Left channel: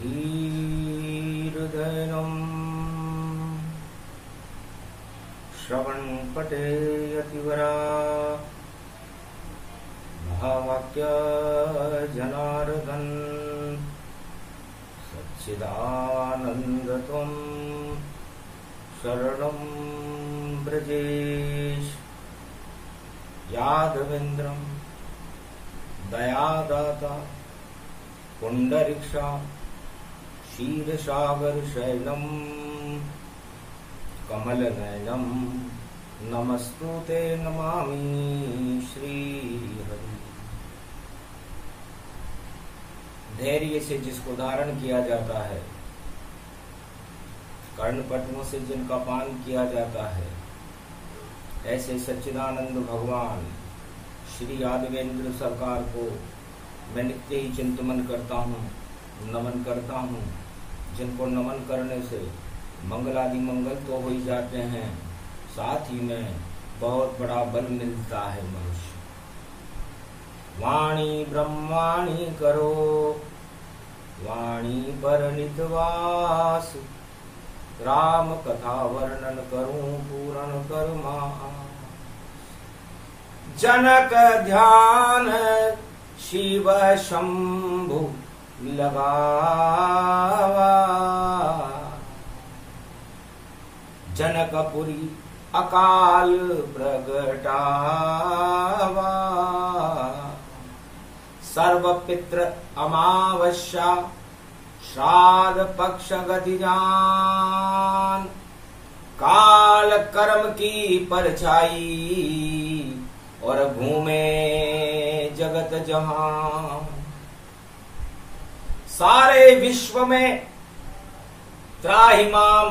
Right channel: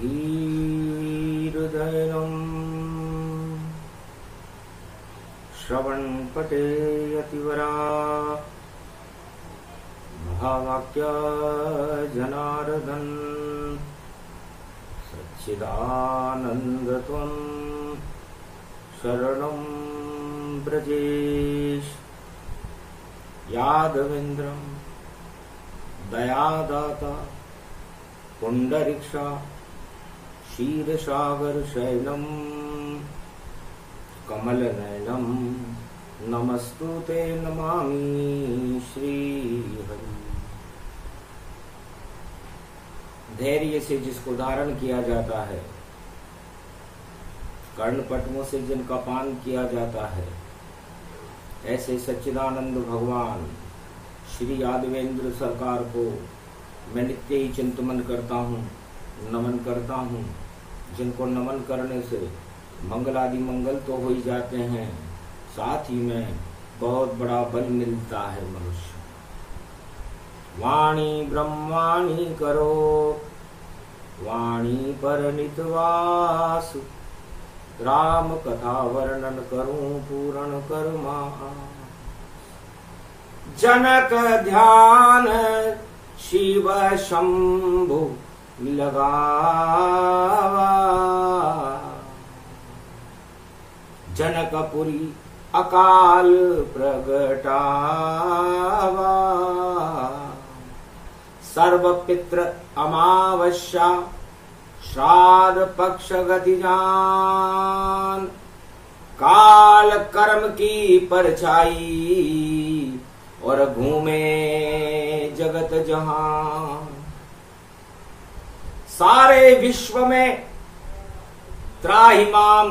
धीर्धैर्यम् श्रवणपटे यतिवरा भावाक्य जनार्दन सच्चिदानन्दत्वं शरणं ब्रजेश यादवेन्द्रं दयादाता पुंडरीक्षा क्षीरसागर शैलम कमलनयनम नमस्तुते नमामि श्रीहरि। धैर्य से जिसको धारण किया जाता है, कर्णपटुओं से जिनका पान किया जाता है, ऐसे सच्चिदानंद भगवान श्री यादवेंद्र सरकार को मैं नित्य ही चिंतन करता हूँ, नमन करता हूँ। जिनको नमन करने से मंगलादि मंगल तो हो ही जाते हैं, साथ ही में बहुत बड़ा बल मिलता है मनुष्य। वाणी ब्रह्माणी करो वाणी पर नितवास, राम कथा वर्णन करूं पूर्ण कर्मा। जनक ध्यान शिव शंभु लगावा, जनकपुरी अकाल प्रगटावा। सर्व पितृ अमावस्या श्राद्ध पक्ष गति जान, काल कर्म की परछाई और घूमे जगत जहान। सारे विश्व में त्राहिमाम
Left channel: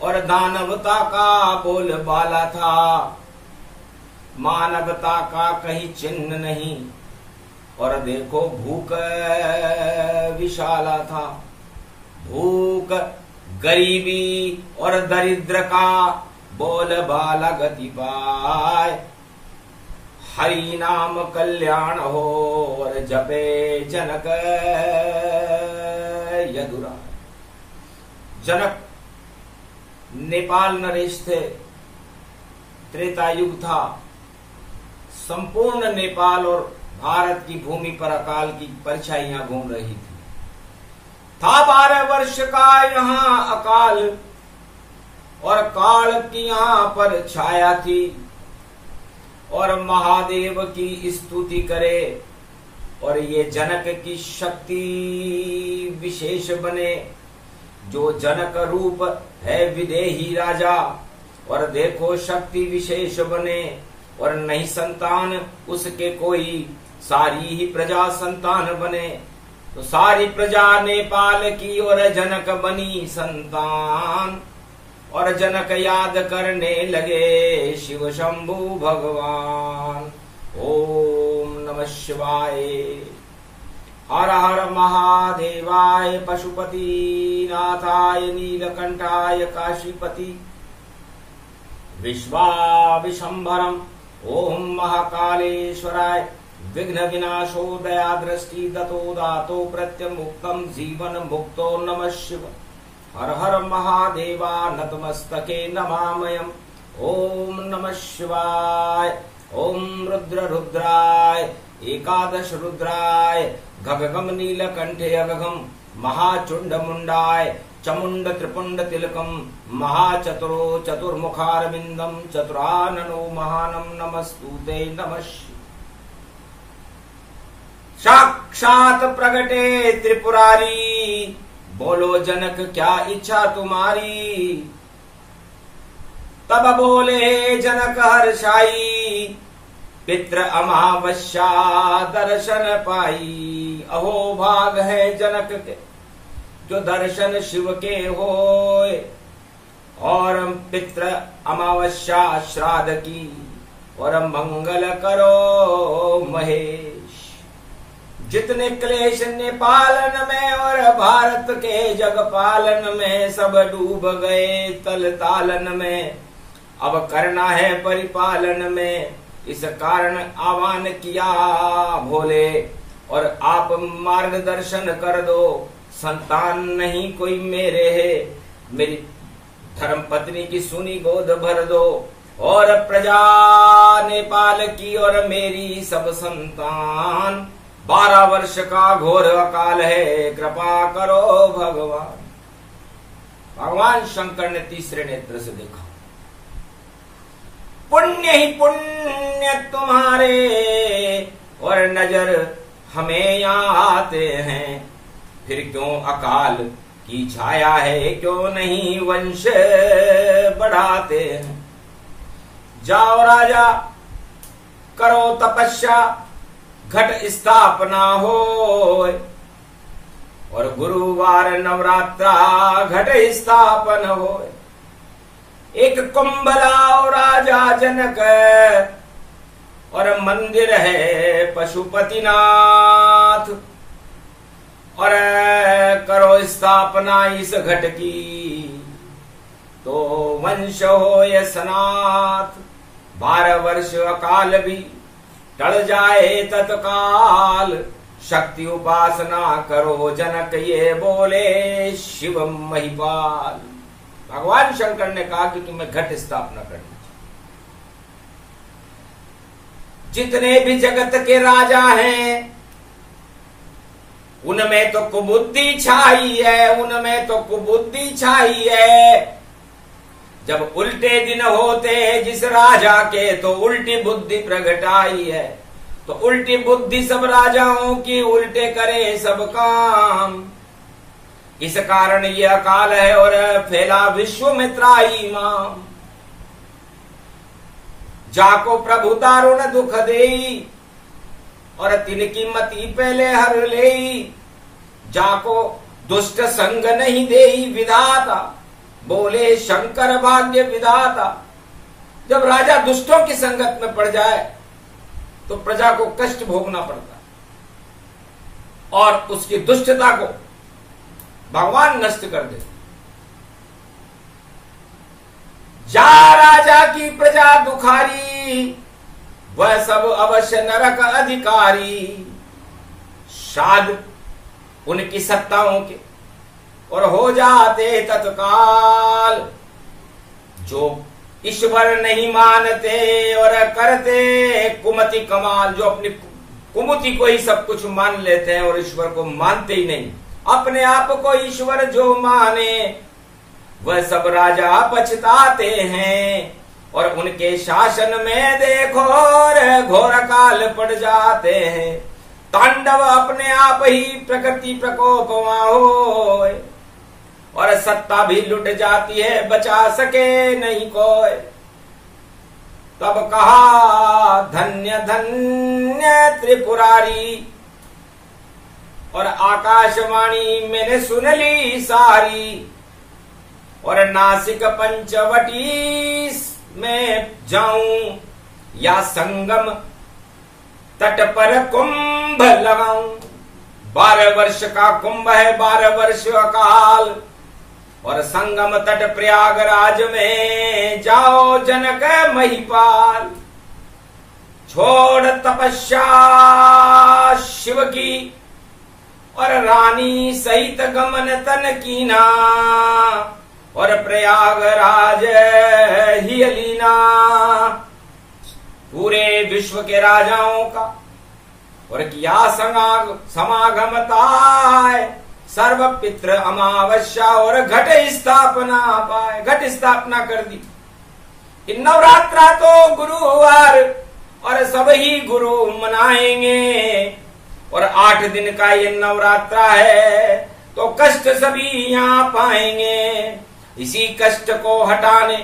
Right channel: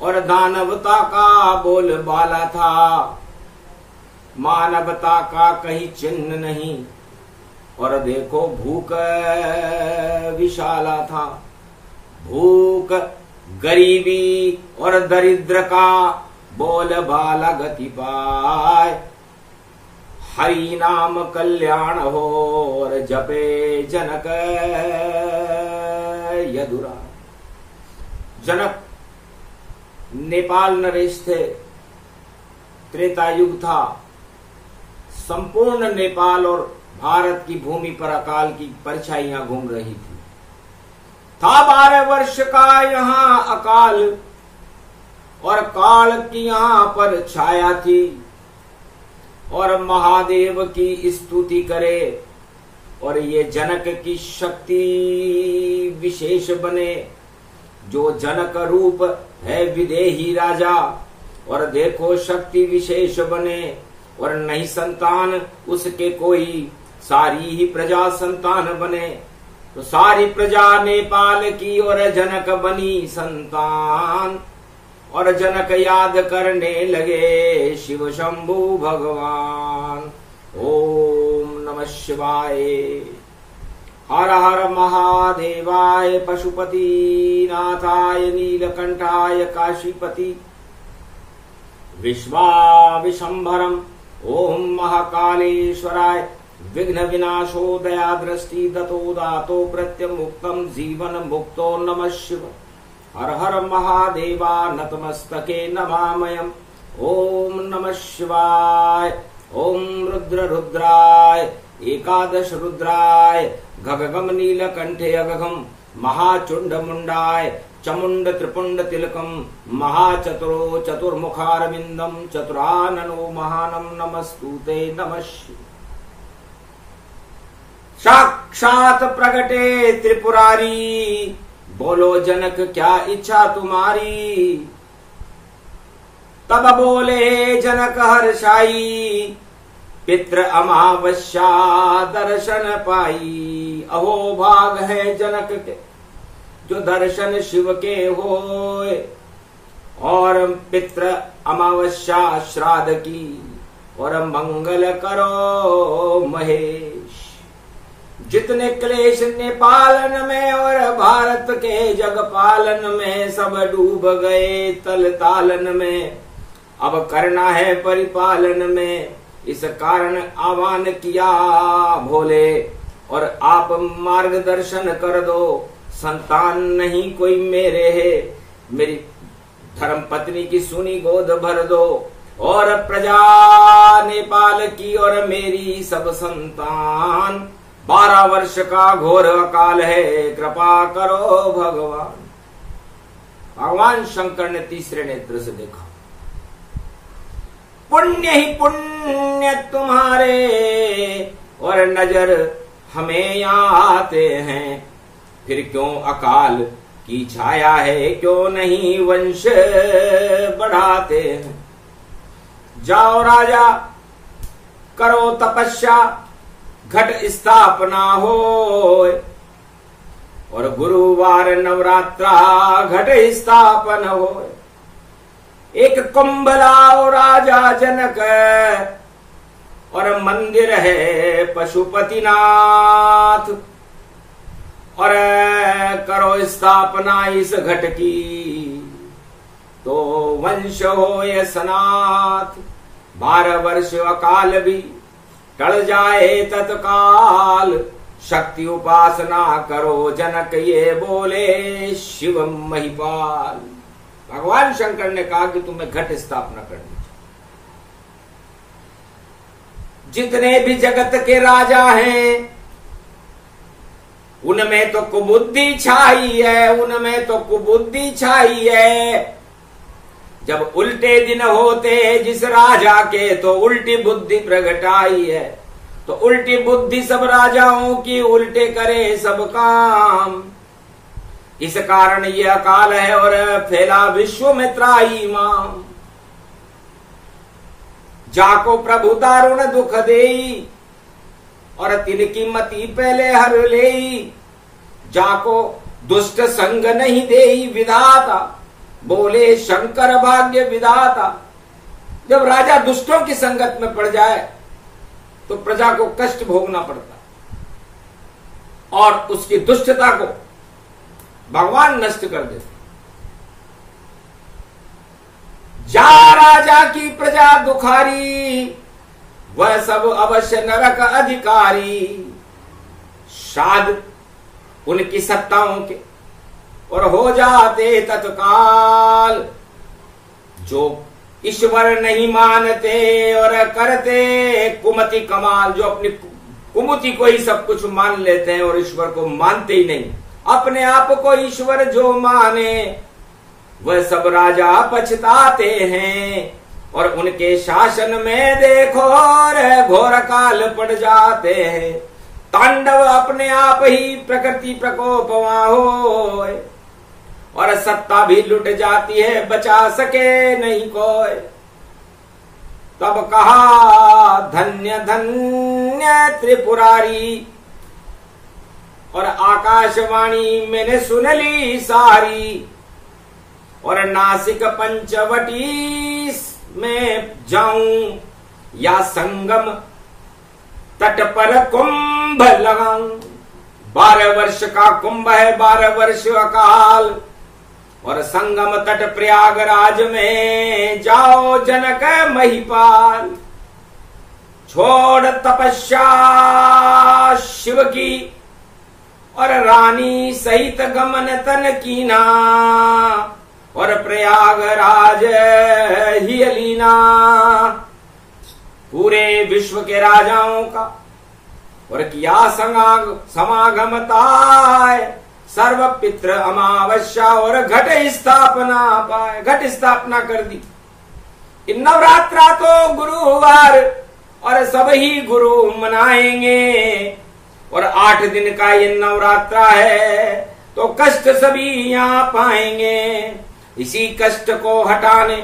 और दानवता का बोलबाला था, मानवता का कहीं चिन्ह नहीं। और देखो भूख विशाला था, भूख गरीबी और दरिद्र का बोलबाला गति पाए। हरि नाम कल्याण हो और जपे जनक यदुरा। जनक नेपाल नरेश थे, त्रेता युग था। संपूर्ण नेपाल और भारत की भूमि पर अकाल की परछाइयां घूम रही थी। था 12 वर्ष का यहाँ अकाल और काल की यहाँ पर छाया थी। और महादेव की स्तुति करे और ये जनक की शक्ति विशेष बने। जो जनक रूप है विदेही राजा, और देखो शक्ति विशेष बने। और नहीं संतान उसके कोई, सारी ही प्रजा संतान बने। तो सारी प्रजा नेपाल की और जनक बनी संतान। और जनक याद करने लगे शिव शंभु भगवान। ओम नमः शिवाय। हर हर महादेवाय पशुपति नाथाय नीलकंठाय काशीपति विश्वाविशंभरम। ओम महाकालेश्वराय विघ्न विनाशो दया दृष्टि दतो दातो प्रत्यमुक्तम जीवन मुक्तो नमः शिव। हर हर महादेवा नतमस्तके नमामयम्। ओम नमः शिवाय। ओम रुद्र रुद्राय एकादश रुद्राय गगगम नीलकंठे अगघम महाचुंड मुंडाय चमुंड त्रिपुंड तिलकम महाचतुरो चतुर्मुखारविंदम चतुराननो महानम नमस्तुते नमः शिवाय। साक्षात प्रगटे त्रिपुरारी, बोलो जनक क्या इच्छा तुम्हारी। तब बोले जनक हर्षाई, पितृ अमावस्या दर्शन पाई। अहो भाग है जनक के जो दर्शन शिव के होए, और पितृ अमावस्या श्राद्ध की और मंगल करो महेश। जितने क्लेश नेपालन में और भारत के जग पालन में, सब डूब गए तल तालन में। अब करना है परिपालन में, इस कारण आह्वान किया भोले। और आप मार्गदर्शन कर दो, संतान नहीं कोई मेरे है, मेरी धर्म पत्नी की सुनी गोद भर दो, और प्रजा नेपाल की और मेरी सब संतान। 12 वर्ष का घोर अकाल है, कृपा करो भगवान। भगवान शंकर ने तीसरे नेत्र से देखा, पुण्य ही पुण्य तुम्हारे और नजर हमें यहाँ आते हैं, फिर क्यों अकाल की छाया है, क्यों नहीं वंश बढ़ाते हैं। जाओ राजा करो तपस्या, घट स्थापना हो, और गुरुवार नवरात्रा घट स्थापन हो। एक कुंभ लाओ राजा जनक, और मंदिर है पशुपतिनाथ, और करो स्थापना इस घट की, तो वंश हो ये सनाथ। 12 वर्ष अकाल भी टल जाए तत्काल, शक्ति उपासना करो जनक ये बोले शिव महिपाल। भगवान शंकर ने कहा कि तुम्हें घट स्थापना करनी चाहिए। जितने भी जगत के राजा हैं उनमें तो कुबुद्धि छाई है, उनमें तो कुबुद्धि छाई है। जब उल्टे दिन होते जिस राजा के, तो उल्टी बुद्धि प्रगट आई है। तो उल्टी बुद्धि सब राजाओं की, उल्टे करे सब काम। इस कारण ये अकाल है और फैला विश्व में त्राही माम। जाको प्रभु दारुण दुख देई, और तिनकी मति पहले हर लेई। जाको दुष्ट संग नहीं देई विधाता, बोले शंकर भाग्य विधाता। जब राजा दुष्टों की संगत में पड़ जाए तो प्रजा को कष्ट भोगना पड़ता, और उसकी दुष्टता को भगवान नष्ट कर देते। जा राजा की प्रजा दुखारी, वह सब अवश्य नरक अधिकारी। शाद उनकी सत्ताओं के और हो जाते तत्काल। जो ईश्वर नहीं मानते और करते कुमति कमाल, जो अपनी कुमति को ही सब कुछ मान लेते हैं और ईश्वर को मानते ही नहीं। अपने आप को ईश्वर जो माने वह सब राजा पछताते हैं, और उनके शासन में देखो घोर काल पड़ जाते हैं। तांडव अपने आप ही प्रकृति प्रकोप वहां हो, और सत्ता भी लुट जाती है, बचा सके नहीं कोई। तब कहा धन्य धन्य त्रिपुरारी, और आकाशवाणी मैंने सुन ली सारी। और नासिक पंचवटी में जाऊं या संगम तट पर कुंभ लगाऊं। 12 वर्ष का कुंभ है, 12 वर्ष अकाल, और संगम तट प्रयागराज में जाओ जनक महिपाल। छोड़ तपस्या शिव की, और रानी सहित गमन तन कीना, और प्रयागराज ही अलीना। पूरे विश्व के राजाओं का और किया समागम ताय, सर्व पितृ अमावस्या और घट स्थापना पाए। घट स्थापना कर दी। इन नवरात्रा तो गुरुवार और सब ही गुरु मनाएंगे, और 8 दिन का ये नवरात्रा है, तो कष्ट सभी यहाँ पाएंगे। इसी कष्ट को हटाने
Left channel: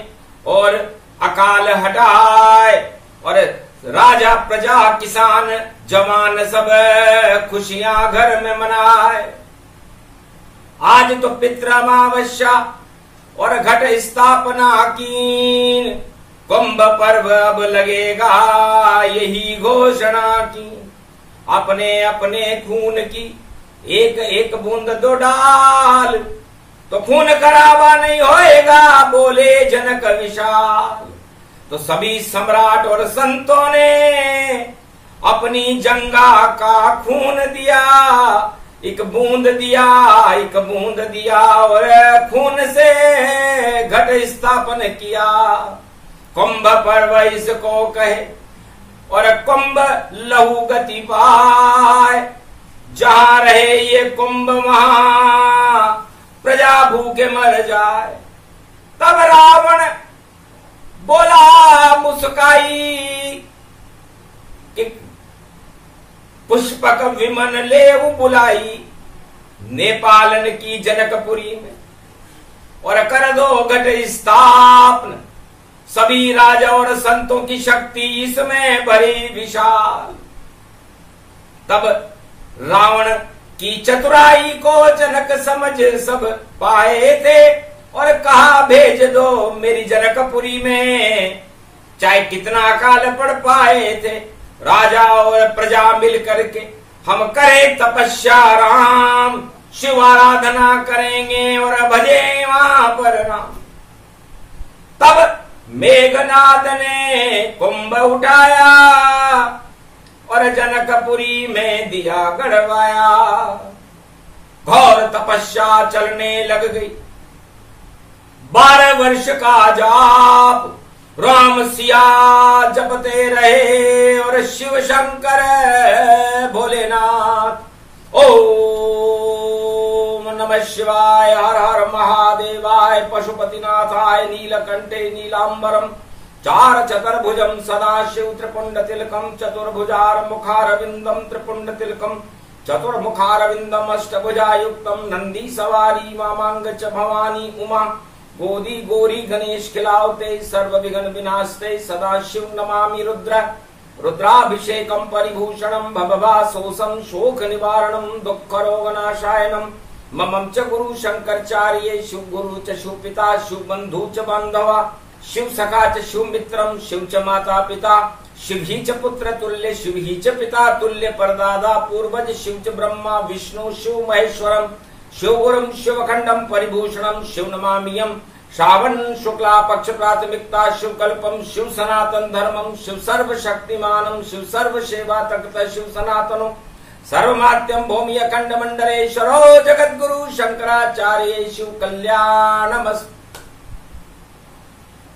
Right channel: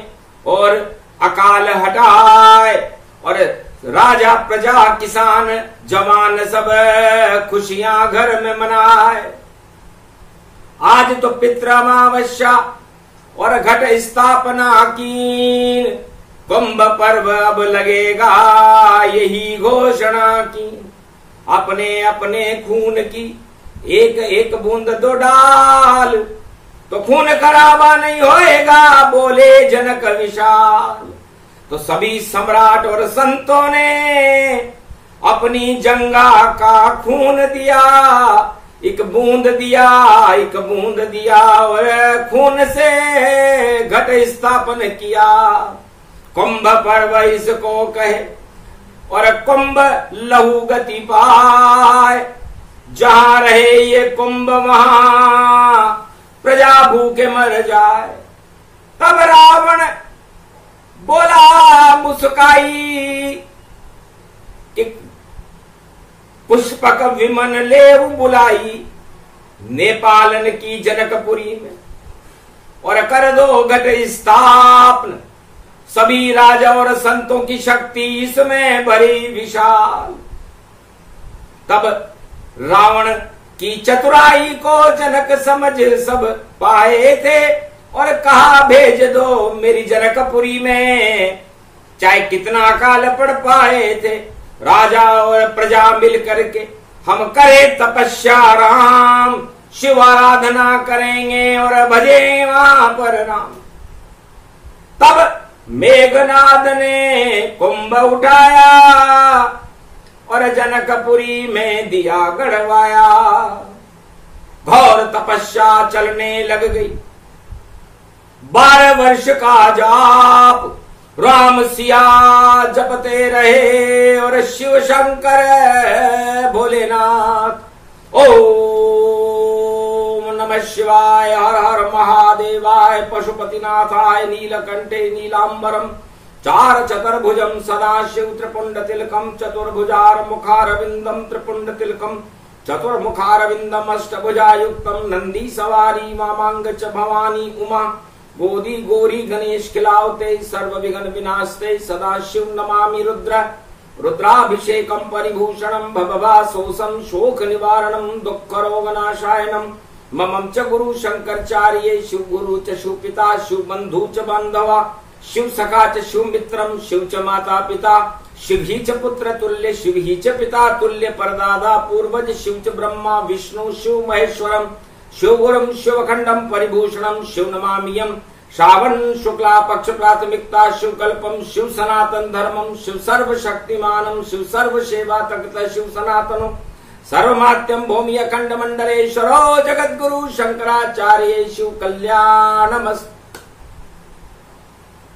और अकाल हटाए, और राजा प्रजा किसान जवान सब खुशियां घर में मनाए। आज तो पितृ अमावस्या और घट स्थापना कीन, कुंभ पर्व अब लगेगा यही घोषणा की। अपने अपने खून की एक एक बूंद दो डाल, तो खून खराबा नहीं होएगा, बोले जनक विशाल। तो सभी सम्राट और संतों ने अपनी जंगा का खून दिया, एक बूंद दिया और खून से घट स्थापन किया। कुंभ पर्व इसको कहे और कुंभ लहू गति पाए। जहां रहे ये कुंभ वहां प्रजा भूखे मर जाए। तब रावण बोला मुस्काई कि पुष्पक विमन लेव बुलाई नेपालन की जनकपुरी में और कर दो घट स्थापन। सभी राजा और संतों की शक्ति इसमें भरी विशाल। तब रावण की चतुराई को जनक समझ सब पाए थे और कहा भेज दो मेरी जनकपुरी में, चाहे कितना अकाल पड़ पाए थे। राजा और प्रजा मिल करके हम करें तपस्या राम, शिव आराधना करेंगे और भजे वहां पर राम। तब मेघनाद ने कुंभ उठाया और जनकपुरी में दिया गड़वाया। घोर तपस्या चलने लग गई। 12 वर्ष का जाप राम सिया जपते रहे और शिव शंकर भोलेनाथ ओम नमः शिवाय हर हर महादेवाय पशुपतिनाथाय नीलकंठे नीलांबरम चार चतुर्भुजम सदाशिव त्रिपुंड तिलकम चतुर्भुजार मुखारविंदम त्रिपुंड तिलकम चतुर्मुखारविंदम अष्टभुजायुक्तम नंदी सवारी वामांग च भवानी उमा गोदी गौरी गणेश खिलावते सर्व विघ्न विनाशते सदाशिव नमामि रुद्र रुद्राभिषेकम परिभूषणम भवभासोसम शोक निवारणम दुख रोग नाशायनम ममं च गुरु शंकरचार्य शिव गुरु च शिव पिता शिव बंधु च बांधवा शिव सखा च शिव मित्रम शिव च माता पिता शिव ही च पुत्र तुल्य शिव ही च पिता तुल्य परदादा पूर्वज शिव च ब्रह्मा विष्णु शिव महेश्वरम शिव गुरुम शिवखंडम परिभूषणम शिव नमामियम श्रावण शुक्ला पक्ष प्राथमिकता शिव कल्पम शिव सनातन धर्मम शिव सर्व शक्तिमानम शिव सर्व सेवा तक्त शिव सनातनो सर्वमात्यम भूमि अखंड मंडलेश्वरो जगद्गुरु शंकराचार्य शिव कल्याणमस्त।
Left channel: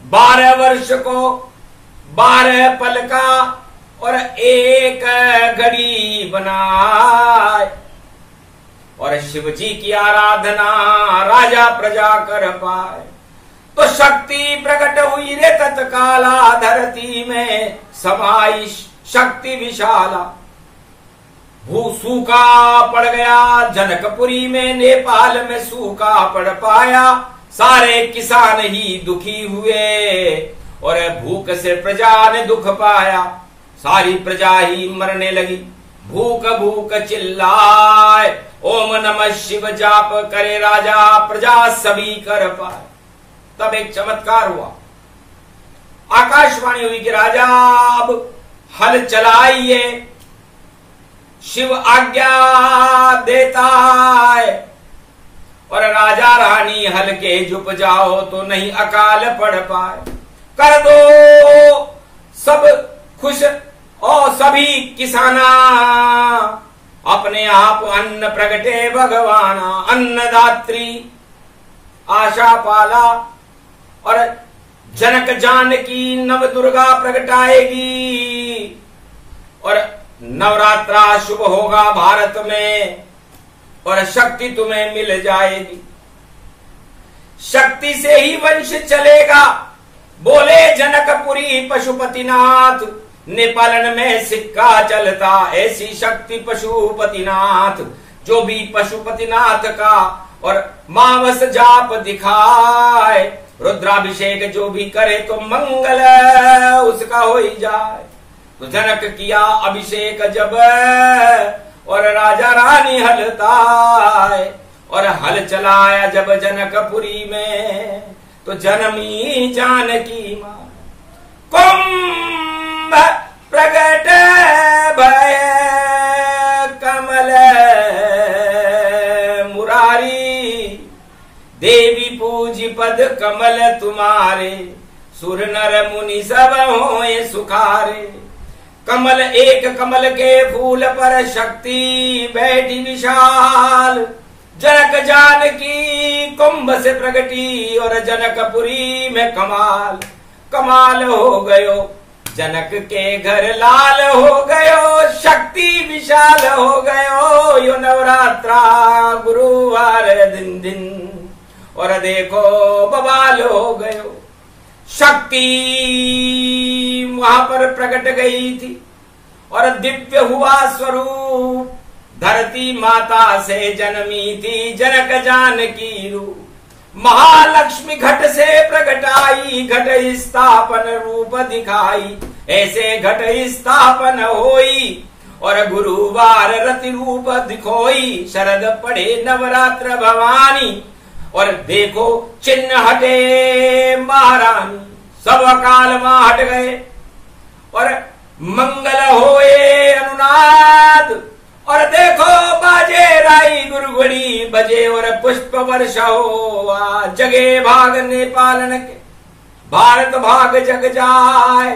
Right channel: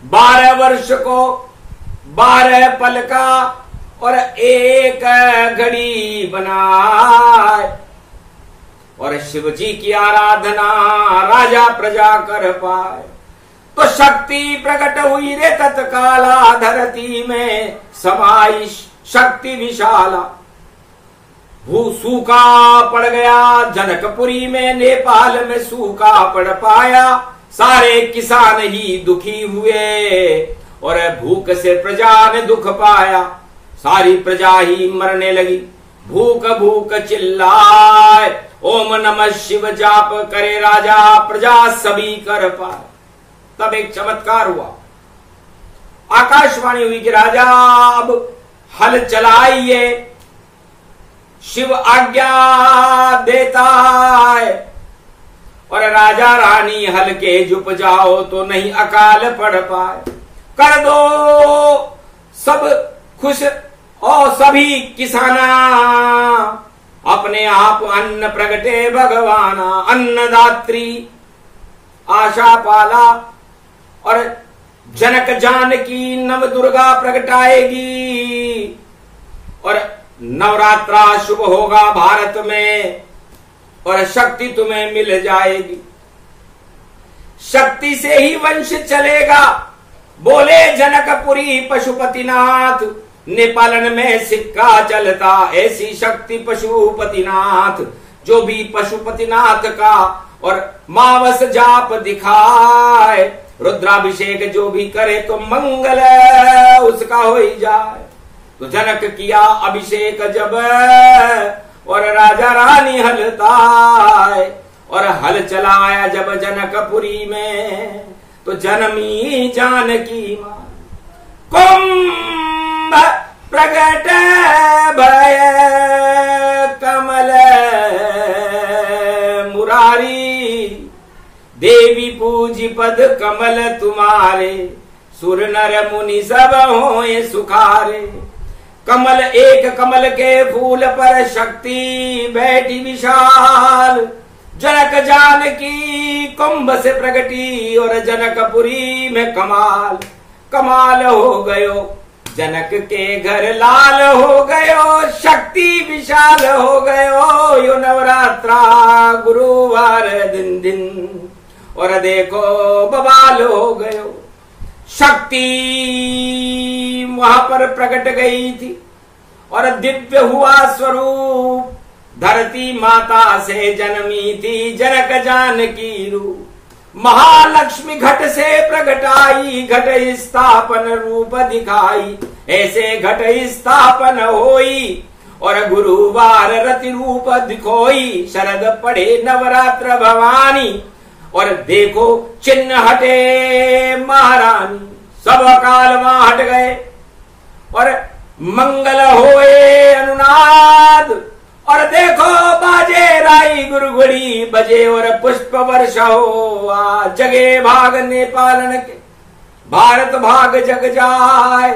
12 वर्ष को 12 पल का और एक घड़ी बनाए और शिव जी की आराधना राजा प्रजा कर पाए। तो शक्ति प्रकट हुई रे तत्काला धरती में समाई शक्ति विशाला। भू सूखा पड़ गया जनकपुरी में नेपाल में सूखा पड़ पाया। सारे किसान ही दुखी हुए और भूख से प्रजा ने दुख पाया। सारी प्रजा ही मरने लगी। भूख भूख चिल्लाए ओम नमः शिव जाप करे राजा प्रजा सभी कर पाए। तब एक चमत्कार हुआ। आकाशवाणी हुई कि राजा अब हल चलाइए। शिव आज्ञा देता है और राजा रानी हल के झुक जाओ तो नहीं अकाल पड़ पाए। कर दो सब खुश और सभी किसाना अपने आप अन्न प्रगटे भगवाना। अन्नदात्री आशा पाला और जनक जानकी नव दुर्गा प्रगटाएगी और नवरात्रा शुभ होगा भारत में और शक्ति तुम्हें मिल जाएगी। शक्ति से ही वंश चलेगा बोले जनकपुरी पशुपतिनाथ। नेपालन में सिक्का चलता ऐसी शक्ति पशुपतिनाथ। जो भी पशुपतिनाथ का और मावस जाप दिखाए रुद्राभिषेक जो भी करे तो मंगल उसका हो ही जाए। तो जनक किया अभिषेक जब और राजा रानी हलताए और हल चलाया जब जनकपुरी में तो जन्मी जानकी मां। कुंभ प्रगट भय कमल मुरारी देवी पूजी पद कमल तुम्हारे सुर नर मुनि सब होए सुखारे। कमल एक कमल के फूल पर शक्ति बैठी विशाल। जनक जानकी कुंभ से प्रगटी और जनकपुरी में कमाल। कमाल हो गयो जनक के घर लाल हो गयो, शक्ति विशाल हो गयो यो नवरात्रा गुरुवार दिन दिन। और देखो बवाल हो गयो, शक्ति वहां पर प्रकट गई थी और दिव्य हुआ स्वरूप। धरती माता से जन्मी थी जनक जानकी रूप। महालक्ष्मी घट से प्रकट आई, घट स्थापन रूप दिखाई। ऐसे घट स्थापन होई और गुरुवार रति रूप दिखोई। शरद पढ़े नवरात्र भवानी और देखो चिन्ह हटे महारानी। सब अकाल वहां हट गए और मंगल होए अनुनाद। और देखो बाजे राई गुरगुड़ी बजे और पुष्प वर्षा हो। जगे भाग नेपालन के भारत भाग जग जाए।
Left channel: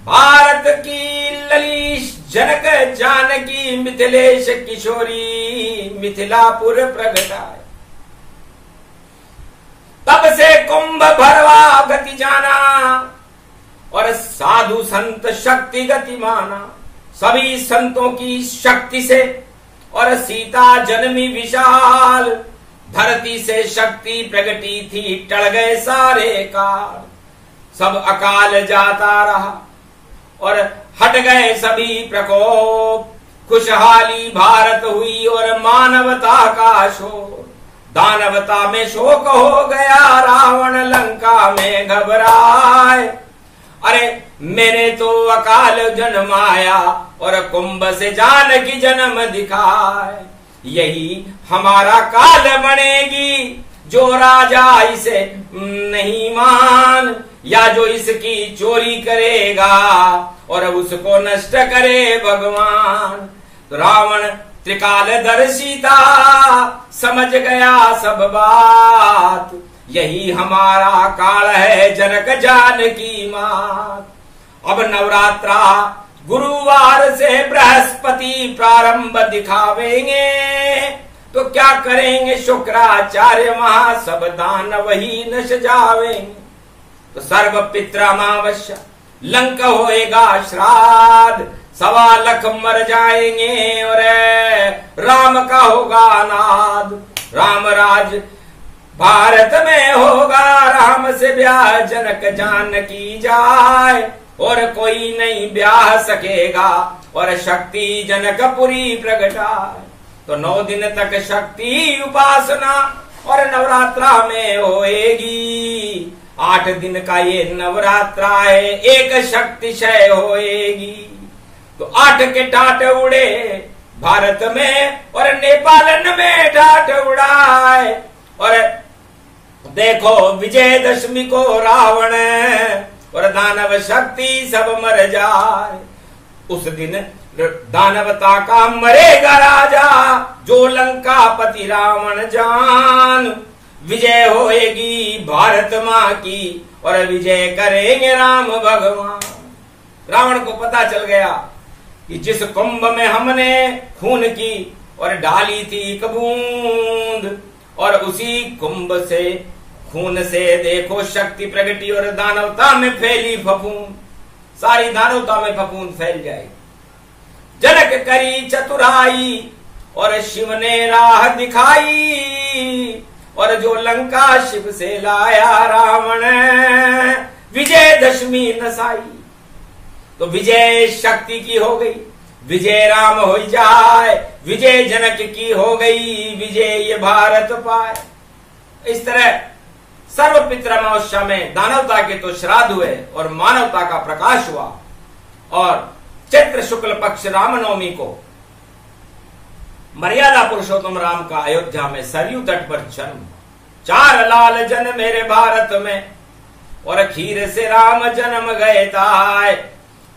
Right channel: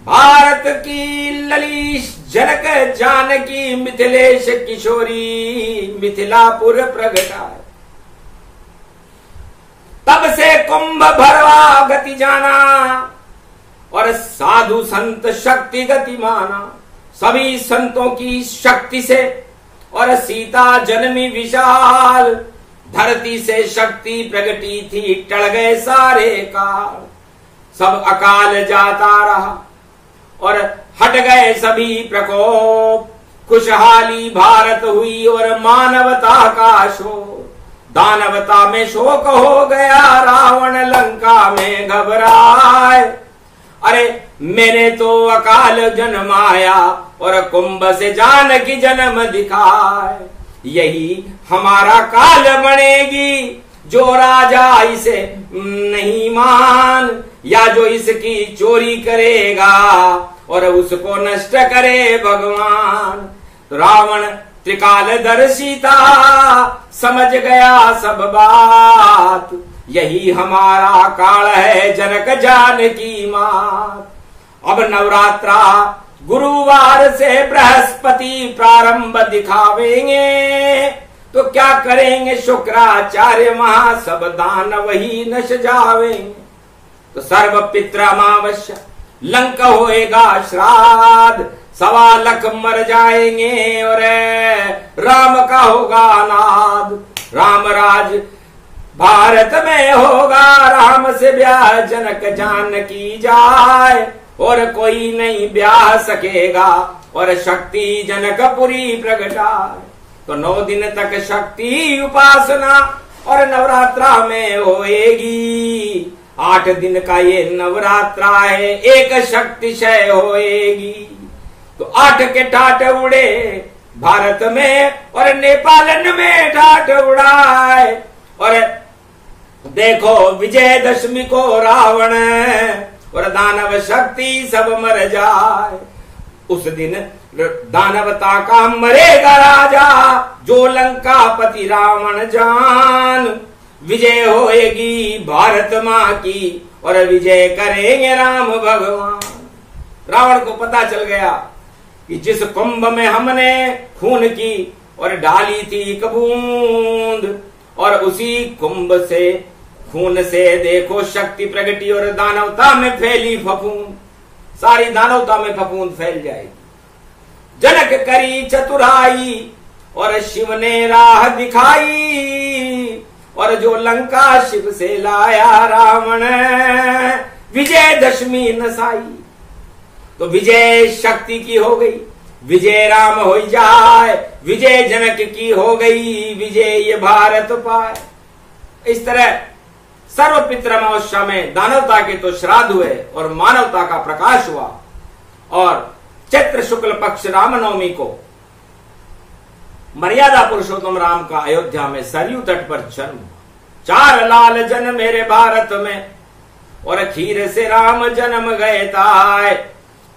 भारत की ललीश जनक जानकी मिथिलेश किशोरी मिथिलापुर प्रगटाए। तब से कुंभ भरवा गति जाना और साधु संत शक्ति गति माना। सभी संतों की शक्ति से और सीता जन्मी विशाल। धरती से शक्ति प्रगटी थी टल गए सारे काल। सब अकाल जाता रहा और हट गए सभी प्रकोप। खुशहाली भारत हुई और मानवता का शोक। दानवता में शोक हो गया, रावण लंका में घबराए। अरे मैंने तो अकाल जन्माया और कुंभ से जानकी जन्म दिखाए। यही हमारा काल बनेगी जो राजा इसे नहीं मान, या जो इसकी चोरी करेगा और उसको नष्ट करे भगवान। तो रावण त्रिकालदर्शी था, समझ गया सब बात। यही हमारा काल है जनक जानकी मात। अब नवरात्रा गुरुवार से बृहस्पति प्रारंभ दिखावेंगे। तो क्या करेंगे शुक्राचार्य वहां सब दान वही नश जावेंगे। तो सर्व पितृमावश्य लंका होएगा श्राद्ध। 1.25 लाख मर जाएंगे और राम का होगा नाद। राम राज भारत में होगा, राम से ब्याह जनक जानकी जाए। और कोई नहीं ब्याह सकेगा और शक्ति जनकपुरी प्रगटाए। तो 9 दिन तक शक्ति उपासना और नवरात्रा में होएगी। 8 दिन का ये नवरात्रा है, एक शक्तिशय होएगी। तो 8 के टाट उड़े भारत में और नेपालन में टाट उड़ाए। और देखो विजयदशमी को रावण और दानव शक्ति सब मर जाए। उस दिन दानवता का मरेगा राजा, जो लंका पति रावण जान। विजय होएगी भारत माँ की और विजय करेंगे राम भगवान। रावण को पता चल गया कि जिस कुंभ में हमने खून की और डाली थी एक बूंद, और उसी कुंभ से खून से देखो शक्ति प्रगटी और दानवता में फैली फफूंद। सारी दानवता में फफूंद फैल जाएगी। जनक करी चतुराई और शिव ने राह दिखाई। और जो लंका शिव से लाया रावण, विजयदशमी नसाई। तो विजय शक्ति की हो गई, विजय राम हो जाए। विजय जनक की हो गई, विजय ये भारत पाए। इस तरह सर्व पितृमावस्या में दानवता के तो श्राद्ध हुए और मानवता का प्रकाश हुआ। और चैत्र शुक्ल पक्ष रामनवमी को मर्यादा पुरुषोत्तम राम का अयोध्या में सरयू तट पर जन्म। 4 लाल जन मेरे भारत में और खीर से राम जन्म गए ताय।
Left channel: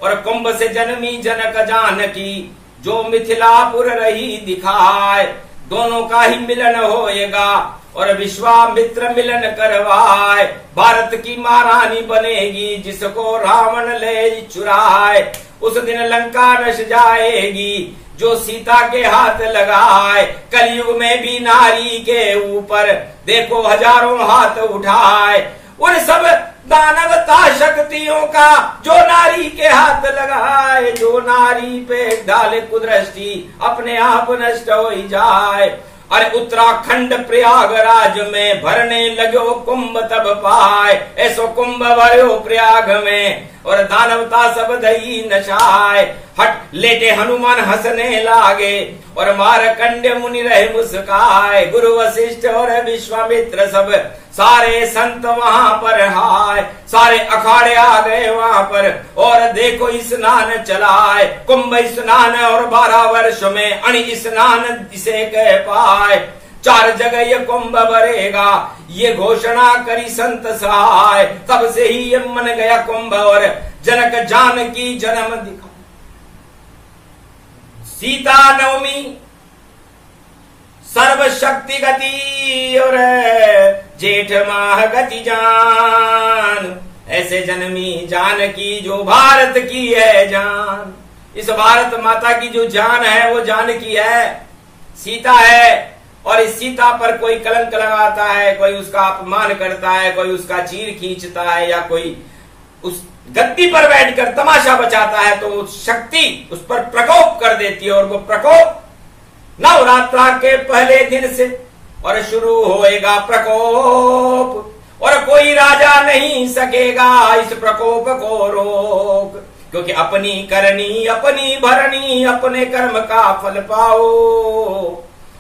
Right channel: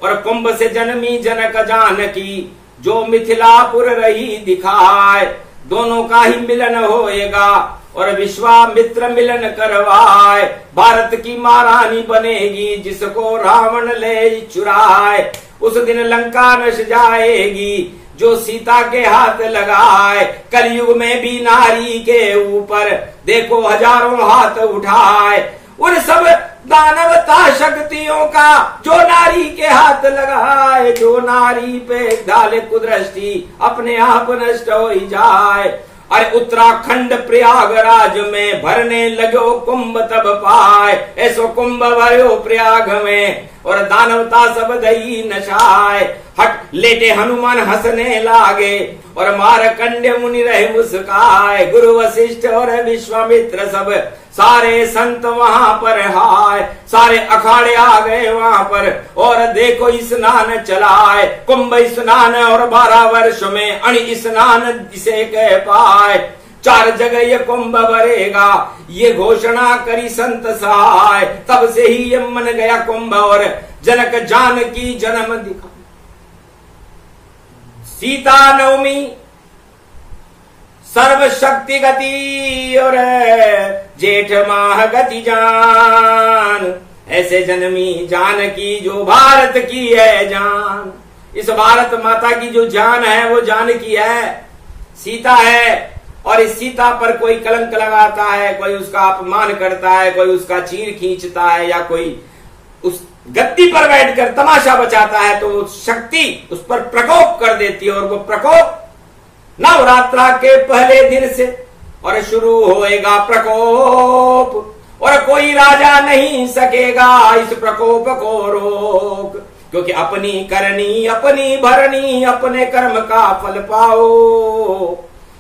और कुंभ से जन्मी जनक जानकी, जो मिथिलापुर रही दिखाए। दोनों का ही मिलन होएगा और विश्वामित्र मिलन करवाए। भारत की महारानी बनेगी जिसको रावण ले चुराए। उस दिन लंका नश जाएगी जो सीता के हाथ लगाए। कलयुग में भी नारी के ऊपर देखो हजारों हाथ उठाए। उन सब दानवता शक्तियों का जो नारी के हाथ लगाए। जो नारी पे डाले कुदृष्टि अपने आप नष्ट हो ही जाए। अरे उत्तराखंड प्रयागराज में भरने लगो कुंभ तब पाए। ऐसो कुंभ भरो प्रयाग में और दानवता सब दही नशाए। हट लेटे हनुमान हंसने लागे और मारकंड्य मुनि रहे मुस्काए। गुरु वशिष्ठ और विश्वामित्र सब सारे संत वहां पर हाय। सारे अखाड़े आ गए वहां पर और देखो स्नान चलाए। कुंभ स्नान और 12 वर्ष में अणि स्नान इसे कह पाए। 4 जगह ये कुंभ भरेगा ये घोषणा करी संत सहाय। तब से ही ये मन गया कुंभ और जनक जानकी जन्म दिखा। सीता नवमी सर्वशक्ति गति और जेठ माह गति जान। ऐसे जन्मी जानकी जो भारत की है जान। इस भारत माता की जो जान है वो जानकी है, सीता है। और इस सीता पर कोई कलंक लगाता है, कोई उसका अपमान करता है, कोई उसका चीर खींचता है या कोई उस गद्दी पर बैठकर तमाशा बचाता है तो वो शक्ति उस पर प्रकोप कर देती है। और वो प्रकोप नवरात्रा के पहले दिन से और शुरू होएगा प्रकोप और कोई राजा नहीं सकेगा इस प्रकोप को रोक। क्योंकि अपनी करनी अपनी भरनी अपने कर्म का फल पाओ।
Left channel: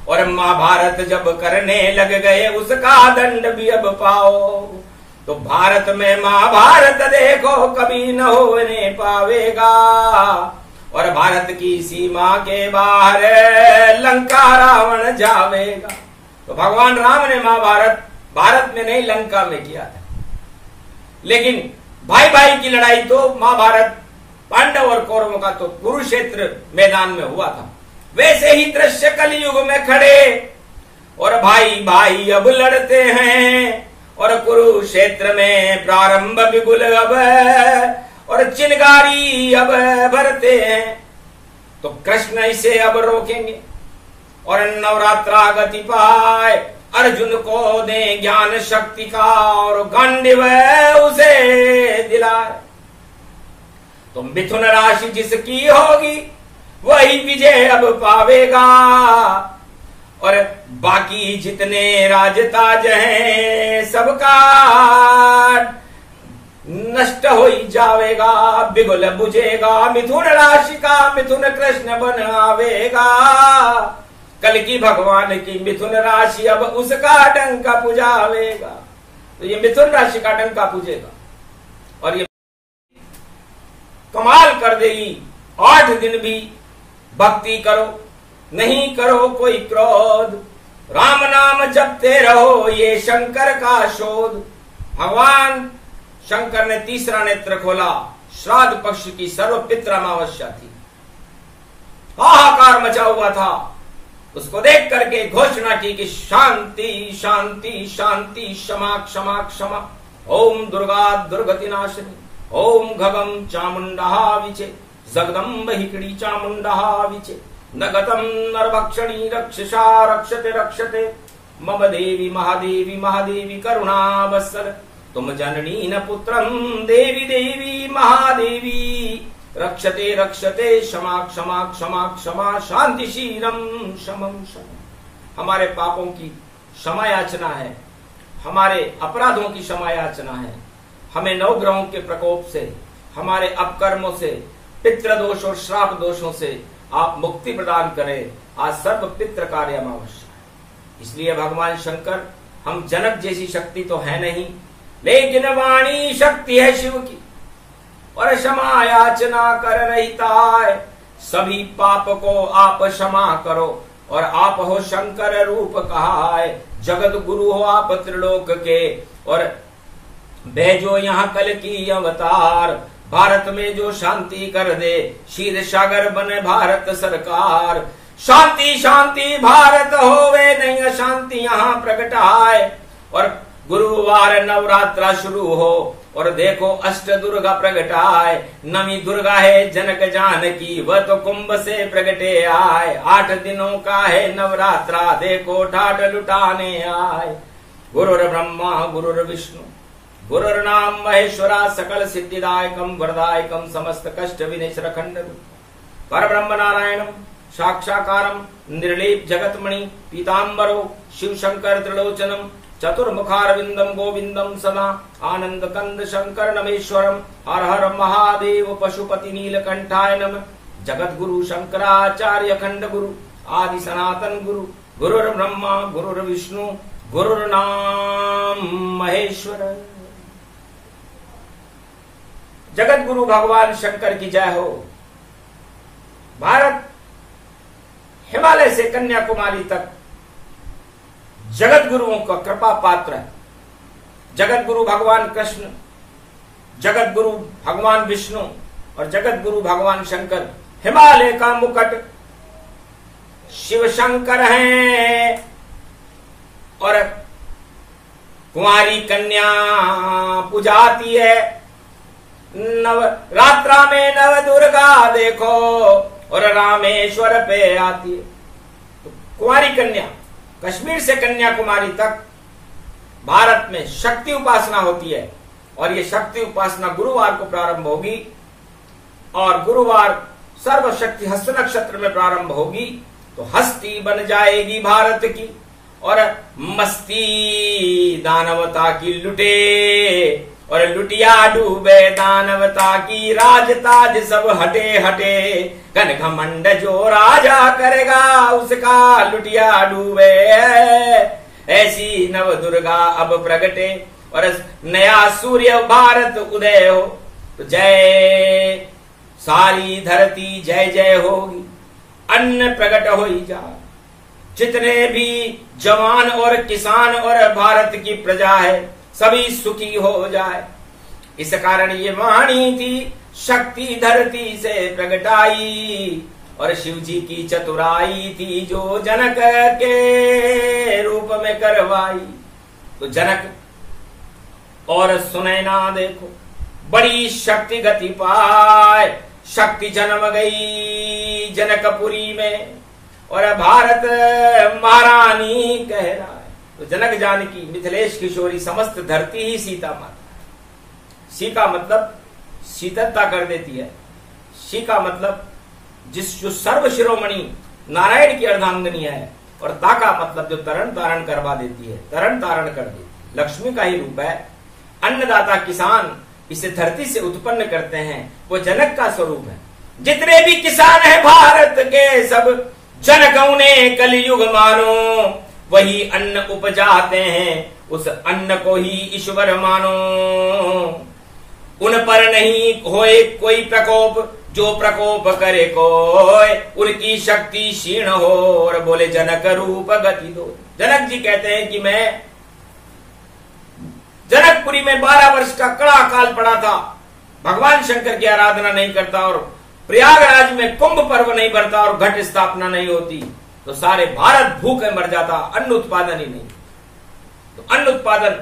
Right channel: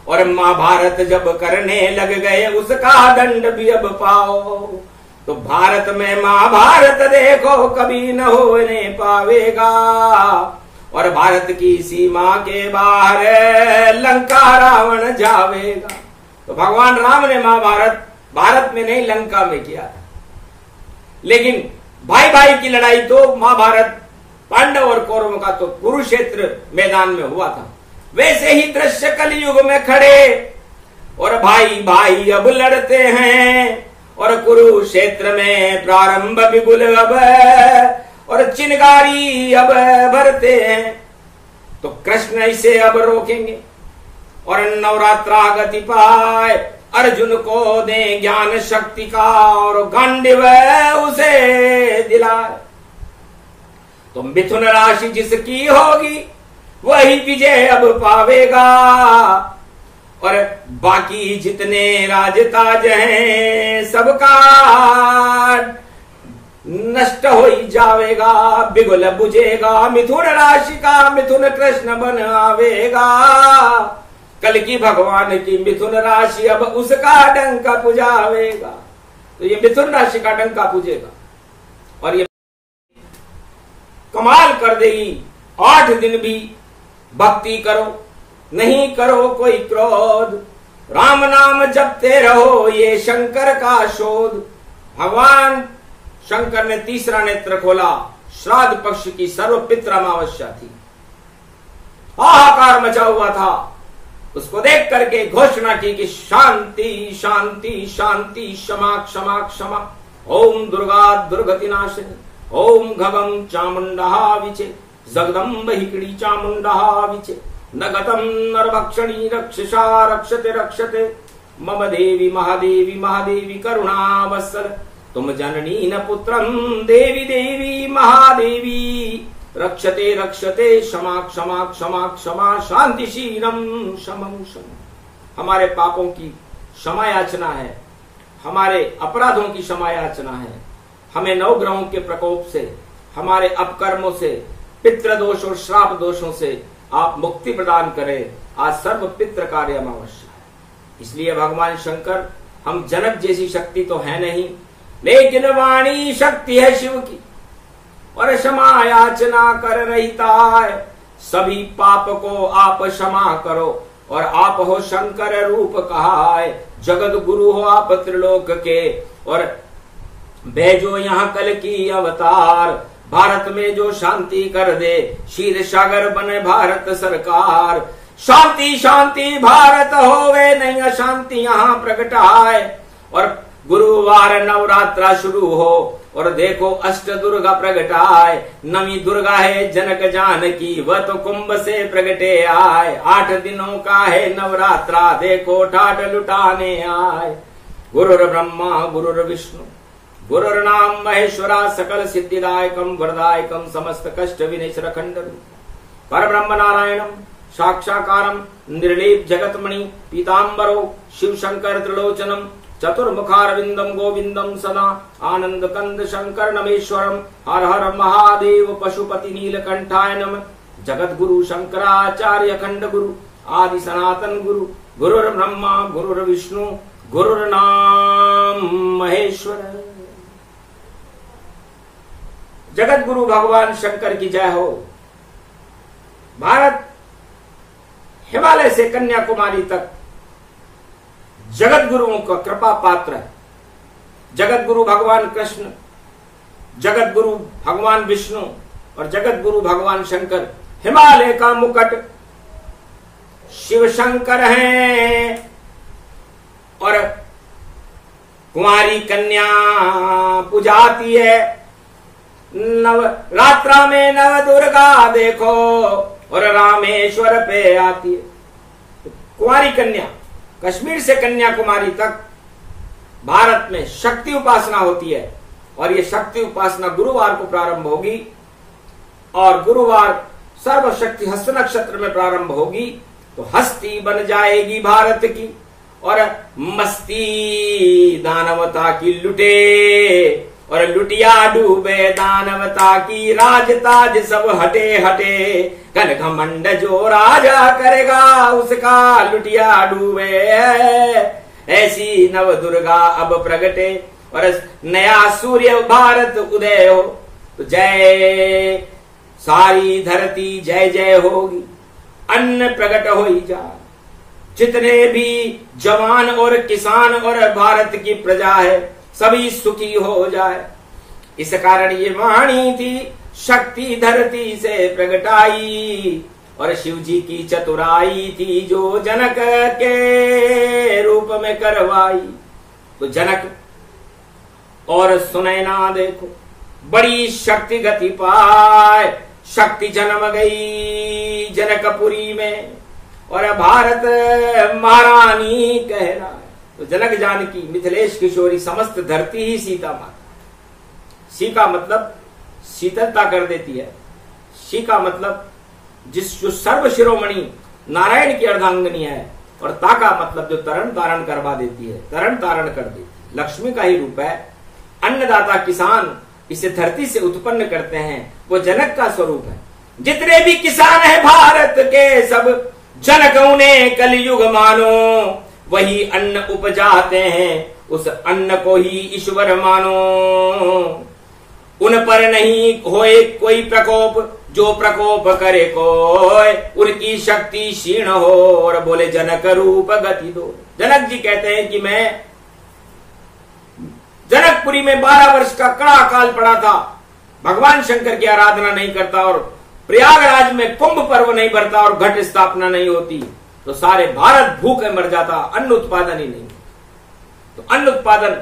और महाभारत जब करने लग गए उसका दंड भी अब पाओ। तो भारत में महाभारत देखो कभी न होने पावेगा। और भारत की सीमा के बाहर लंका रावण जावेगा। तो भगवान राम ने महाभारत भारत में नहीं लंका में किया था। लेकिन भाई भाई की लड़ाई तो महाभारत पांडव और कौरवों का तो कुरुक्षेत्र मैदान में हुआ था। वैसे ही दृश्य कलयुग में खड़े और भाई भाई अब लड़ते हैं। और कुरुक्षेत्र में प्रारंभ बिगुल अब और चिनगारी अब भरते हैं। तो कृष्ण इसे अब रोकेंगे और नवरात्रा गति पाए। अर्जुन को दे ज्ञान शक्ति का और गांडीव उसे दिलाए। तो मिथुन राशि जिसकी होगी वही विजय अब पावेगा। और बाकी जितने राजताज हैं सबका नष्ट हो ही जावेगा। बिगुल बुझेगा मिथुन राशि का मिथुन कृष्ण बन आवेगा। कल की भगवान की मिथुन राशि अब उसका डंका पुजावेगा। तो ये मिथुन राशि का डंका पुजेगा और ये कमाल कर देगी। 8 दिन भी भक्ति करो, नहीं करो कोई क्रोध, राम नाम जपते रहो ये शंकर का शोध। भगवान शंकर ने तीसरा नेत्र खोला। श्राद्ध पक्ष की सर्वपित्र अमावस्या थी। हाहाकार मचा हुआ था। उसको देख करके घोषणा की कि शांति शांति शांति क्षमा क्षमा क्षमा। ओम दुर्गा दुर्गति नाशिनी ओम घगम चामुंडा विचे जगदम्ब हिकड़ी चामुंडा विचे न गतम नरभक्षणी रक्षसा रक्षते रक्षते मम देवी महादेवी महादेवी करुणा वत्सल तुम जननी न पुत्रम देवी देवी महादेवी रक्षते रक्षते क्षमा क्षमा क्षमा क्षमा शांतिशीलम शमम शम। हमारे पापों की क्षमा याचना है, हमारे अपराधों की क्षमा याचना है। हमें 9 ग्रहों के प्रकोप से, हमारे अपकर्मों से, पितृ दोष और श्राप दोषों से आप मुक्ति प्रदान करें। आज सर्व पितृ कार्य अमावस्या है। इसलिए भगवान शंकर, हम जनक जैसी शक्ति तो है नहीं, लेकिन वाणी शक्ति है शिव की और क्षमा याचना कर रहता है। सभी पाप को आप क्षमा करो और आप हो शंकर रूप कहा है। जगत गुरु हो आप त्रिलोक के और भेजो यहाँ कल की अवतार। भारत में जो शांति कर दे, क्षीर सागर बने भारत सरकार। शांति शांति भारत होवे, नहीं अशांति यहाँ प्रकट आए। और गुरुवार नवरात्रा शुरू हो और देखो अष्ट दुर्गा प्रकट आए। नवी दुर्गा है जनक जानकी, वह तो कुंभ से प्रगटे आए। 8 दिनों का है नवरात्रा, देखो ठाट लुटाने आए। गुरुर ब्रह्मा गुरुर विष्णु गुरुर्नाम महेश्वरा, सकल सिद्धिदायकम वरदायकम, समस्त कष्ट विनेश्वर खंड पर ब्रह्म नारायणम साक्षाकारम, निर्लेप जगतमणि पीतांबरो, शिव शंकर त्रिलोचनम, चतुर्मुखारविंदम गोविंदम सदा, आनंद कंद शंकर नमेश्वरम, हर हर महादेव पशुपति नीलकंठाय नमः। जगत गुरु शंकराचार्य खंड गुरु, आदि सनातन गुरु, गुरुर ब्रह्मा गुरुर विष्णु गुरुर्नाम महेश्वर। जगत गुरु भगवान शंकर की जय हो। भारत हिमालय से कन्याकुमारी तक जगत गुरुओं का कृपा पात्र है। जगत गुरु भगवान कृष्ण, जगत गुरु भगवान विष्णु और जगत गुरु भगवान शंकर हिमालय का मुकुट शिव शंकर हैं। और कुंवारी कन्या पूजाती है। नवरात्रा में नव दुर्गा देखो और रामेश्वर पे आती है। तो कुंवारी कन्या कश्मीर से कन्याकुमारी तक भारत में शक्ति उपासना होती है। और ये शक्ति उपासना गुरुवार को प्रारंभ होगी और गुरुवार सर्वशक्ति हस्त नक्षत्र में प्रारंभ होगी। तो हस्ती बन जाएगी भारत की और मस्ती दानवता की लुटे और लुटिया डूबे दानवता की, राजताज सब हटे हटे, घन घमंड जो राजा करेगा उसका लुटिया डूबे। ऐसी नव दुर्गा अब प्रगटे और नया सूर्य भारत उदय हो। तो जय सारी धरती जय जय होगी, अन्न प्रकट हो ही जा। जितने भी जवान और किसान और भारत की प्रजा है सभी सुखी हो जाए। इस कारण ये वाणी थी शक्ति धरती से प्रगटाई और शिव जी की चतुराई थी जो जनक के रूप में करवाई। तो जनक और सुनैना देखो बड़ी शक्ति गति पाए। शक्ति जन्म गई जनकपुरी में और भारत महारानी कह रहा है। तो जनक जानकी मिथिलेश किशोरी समस्त धरती ही सीता माता। सी का मतलब शीतलता कर देती है। सी का मतलब जो सर्व शिरोमणि नारायण की अर्धांगिनी है। और ता का मतलब जो तरण तारण करवा देती है, तरण तारण कर देती है, लक्ष्मी का ही रूप है। अन्नदाता किसान इसे धरती से उत्पन्न करते हैं, वो जनक का स्वरूप है। जितने भी किसान है भारत के सब जनक उन्हें कलयुग मानो, वही अन्न उपजाते हैं उस अन्न को ही ईश्वर मानो। उन पर नहीं होए कोई प्रकोप, जो प्रकोप करे कोई उनकी शक्ति क्षीण हो। और बोले जनक रूप गति दो। जनक जी कहते हैं कि मैं जनकपुरी में 12 वर्ष का कड़ा काल पड़ा था, भगवान शंकर की आराधना नहीं करता और प्रयागराज में कुंभ पर्व नहीं भरता और घट स्थापना नहीं होती तो सारे भारत भूखे मर जाता, अन्न उत्पादन ही नहीं। तो अन्न उत्पादन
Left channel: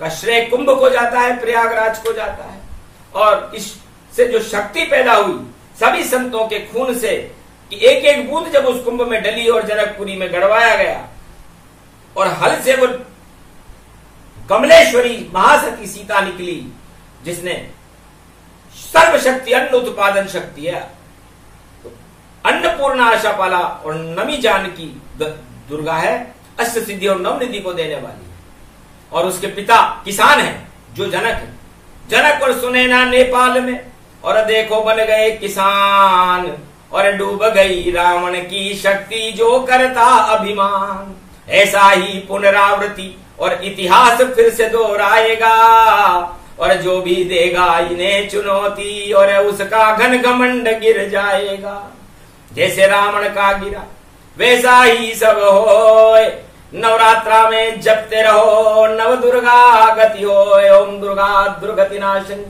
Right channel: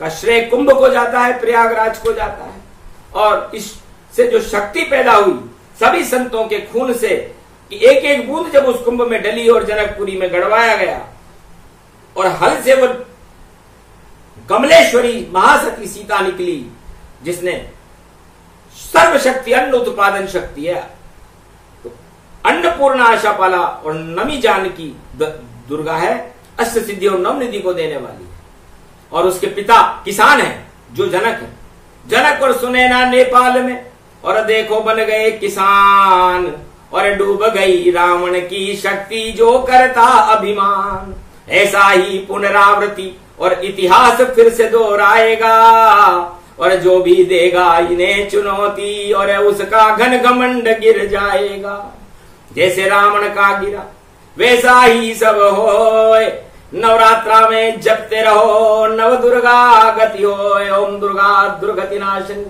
का श्रेय कुंभ को जाता है, प्रयागराज को जाता है। और इससे जो शक्ति पैदा हुई सभी संतों के खून से कि एक एक बूंद जब उस कुंभ में डली और जनकपुरी में गड़वाया गया और हल से वो कमलेश्वरी महासती सीता निकली जिसने सर्वशक्ति अन्न उत्पादन शक्ति है। तो अन्नपूर्णा आशापाला और नमी जानकी दुर्गा है, अष्ट सिद्धि और नवनिधि को देने वाली। और उसके पिता किसान है जो जनक है। जनक और सुनैना नेपाल में और देखो बन गए किसान और डूब गई रावण की शक्ति जो करता अभिमान। ऐसा ही पुनरावृत्ति और इतिहास फिर से दोहराएगा और जो भी देगा इन्हें चुनौती और उसका घन घमंड गिर जाएगा। जैसे रावण का गिरा वैसा ही सब होए। नवरात्रा में जपते रहो नव दुर्गा गति होए। ओम दुर्गा दुर्गति नाशनी,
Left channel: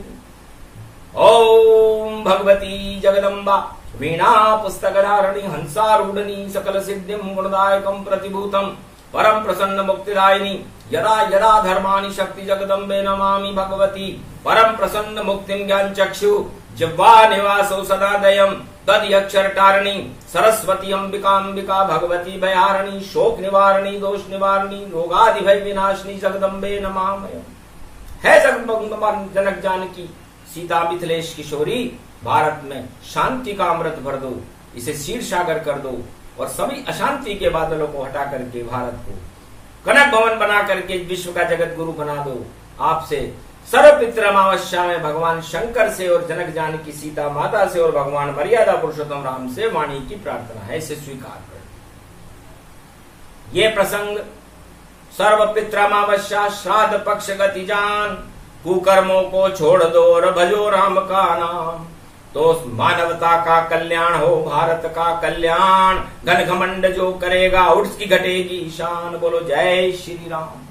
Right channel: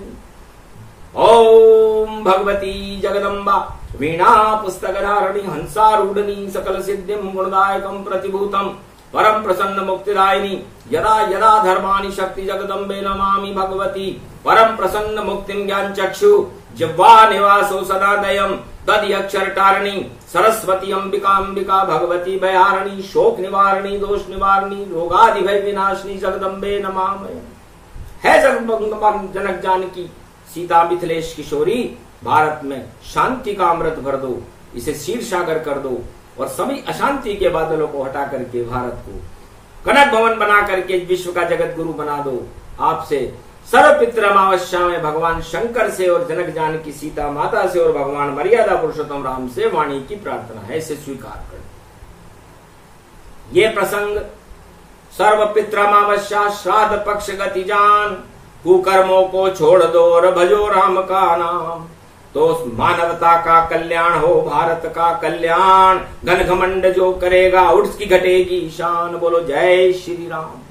ओम भगवती जगदम्बा वीणा पुस्तक धारणी हंसारूढ़नी सकल सिद्धिम गुणदायकम प्रतिभूतम परम प्रसन्न मुक्तिदायिनी यदा यदा धर्माणि शक्ति जगदम्बे नमामि भगवती परम प्रसन्न मुक्तिम ज्ञान चक्षु जिह्वा निवासो सदा दयम तद अक्षर टारणी सरस्वती अंबिका भगवती भयारणी शोक निवारणी दोष निवारणी रोगादि भय विनाशिनी जगदम्बे नमामि। है जनक जानकी सीता मिथिलेश किशोरी, भारत में शांति का अमृत भर दो, इसे क्षीर सागर कर दो और सभी अशांति के बादलों को हटा करके भारत को कनक भवन बना करके विश्व का जगत गुरु बना दो। आपसे सर्वपितृ अमावस्या में भगवान शंकर से और जनक जानकी सीता माता से और भगवान मर्यादा पुरुषोत्तम राम से वाणी की प्रार्थना है, इसे स्वीकार कर। ये प्रसंग सर्वपितृ अमावस्या श्राद्ध पक्ष गति जान, कुकर्मों को छोड़ दो और भजो राम का नाम, तो मानवता का कल्याण हो, भारत का कल्याण। घन घमंड जो करेगा उसकी घटेगी शान। बोलो जय श्री राम।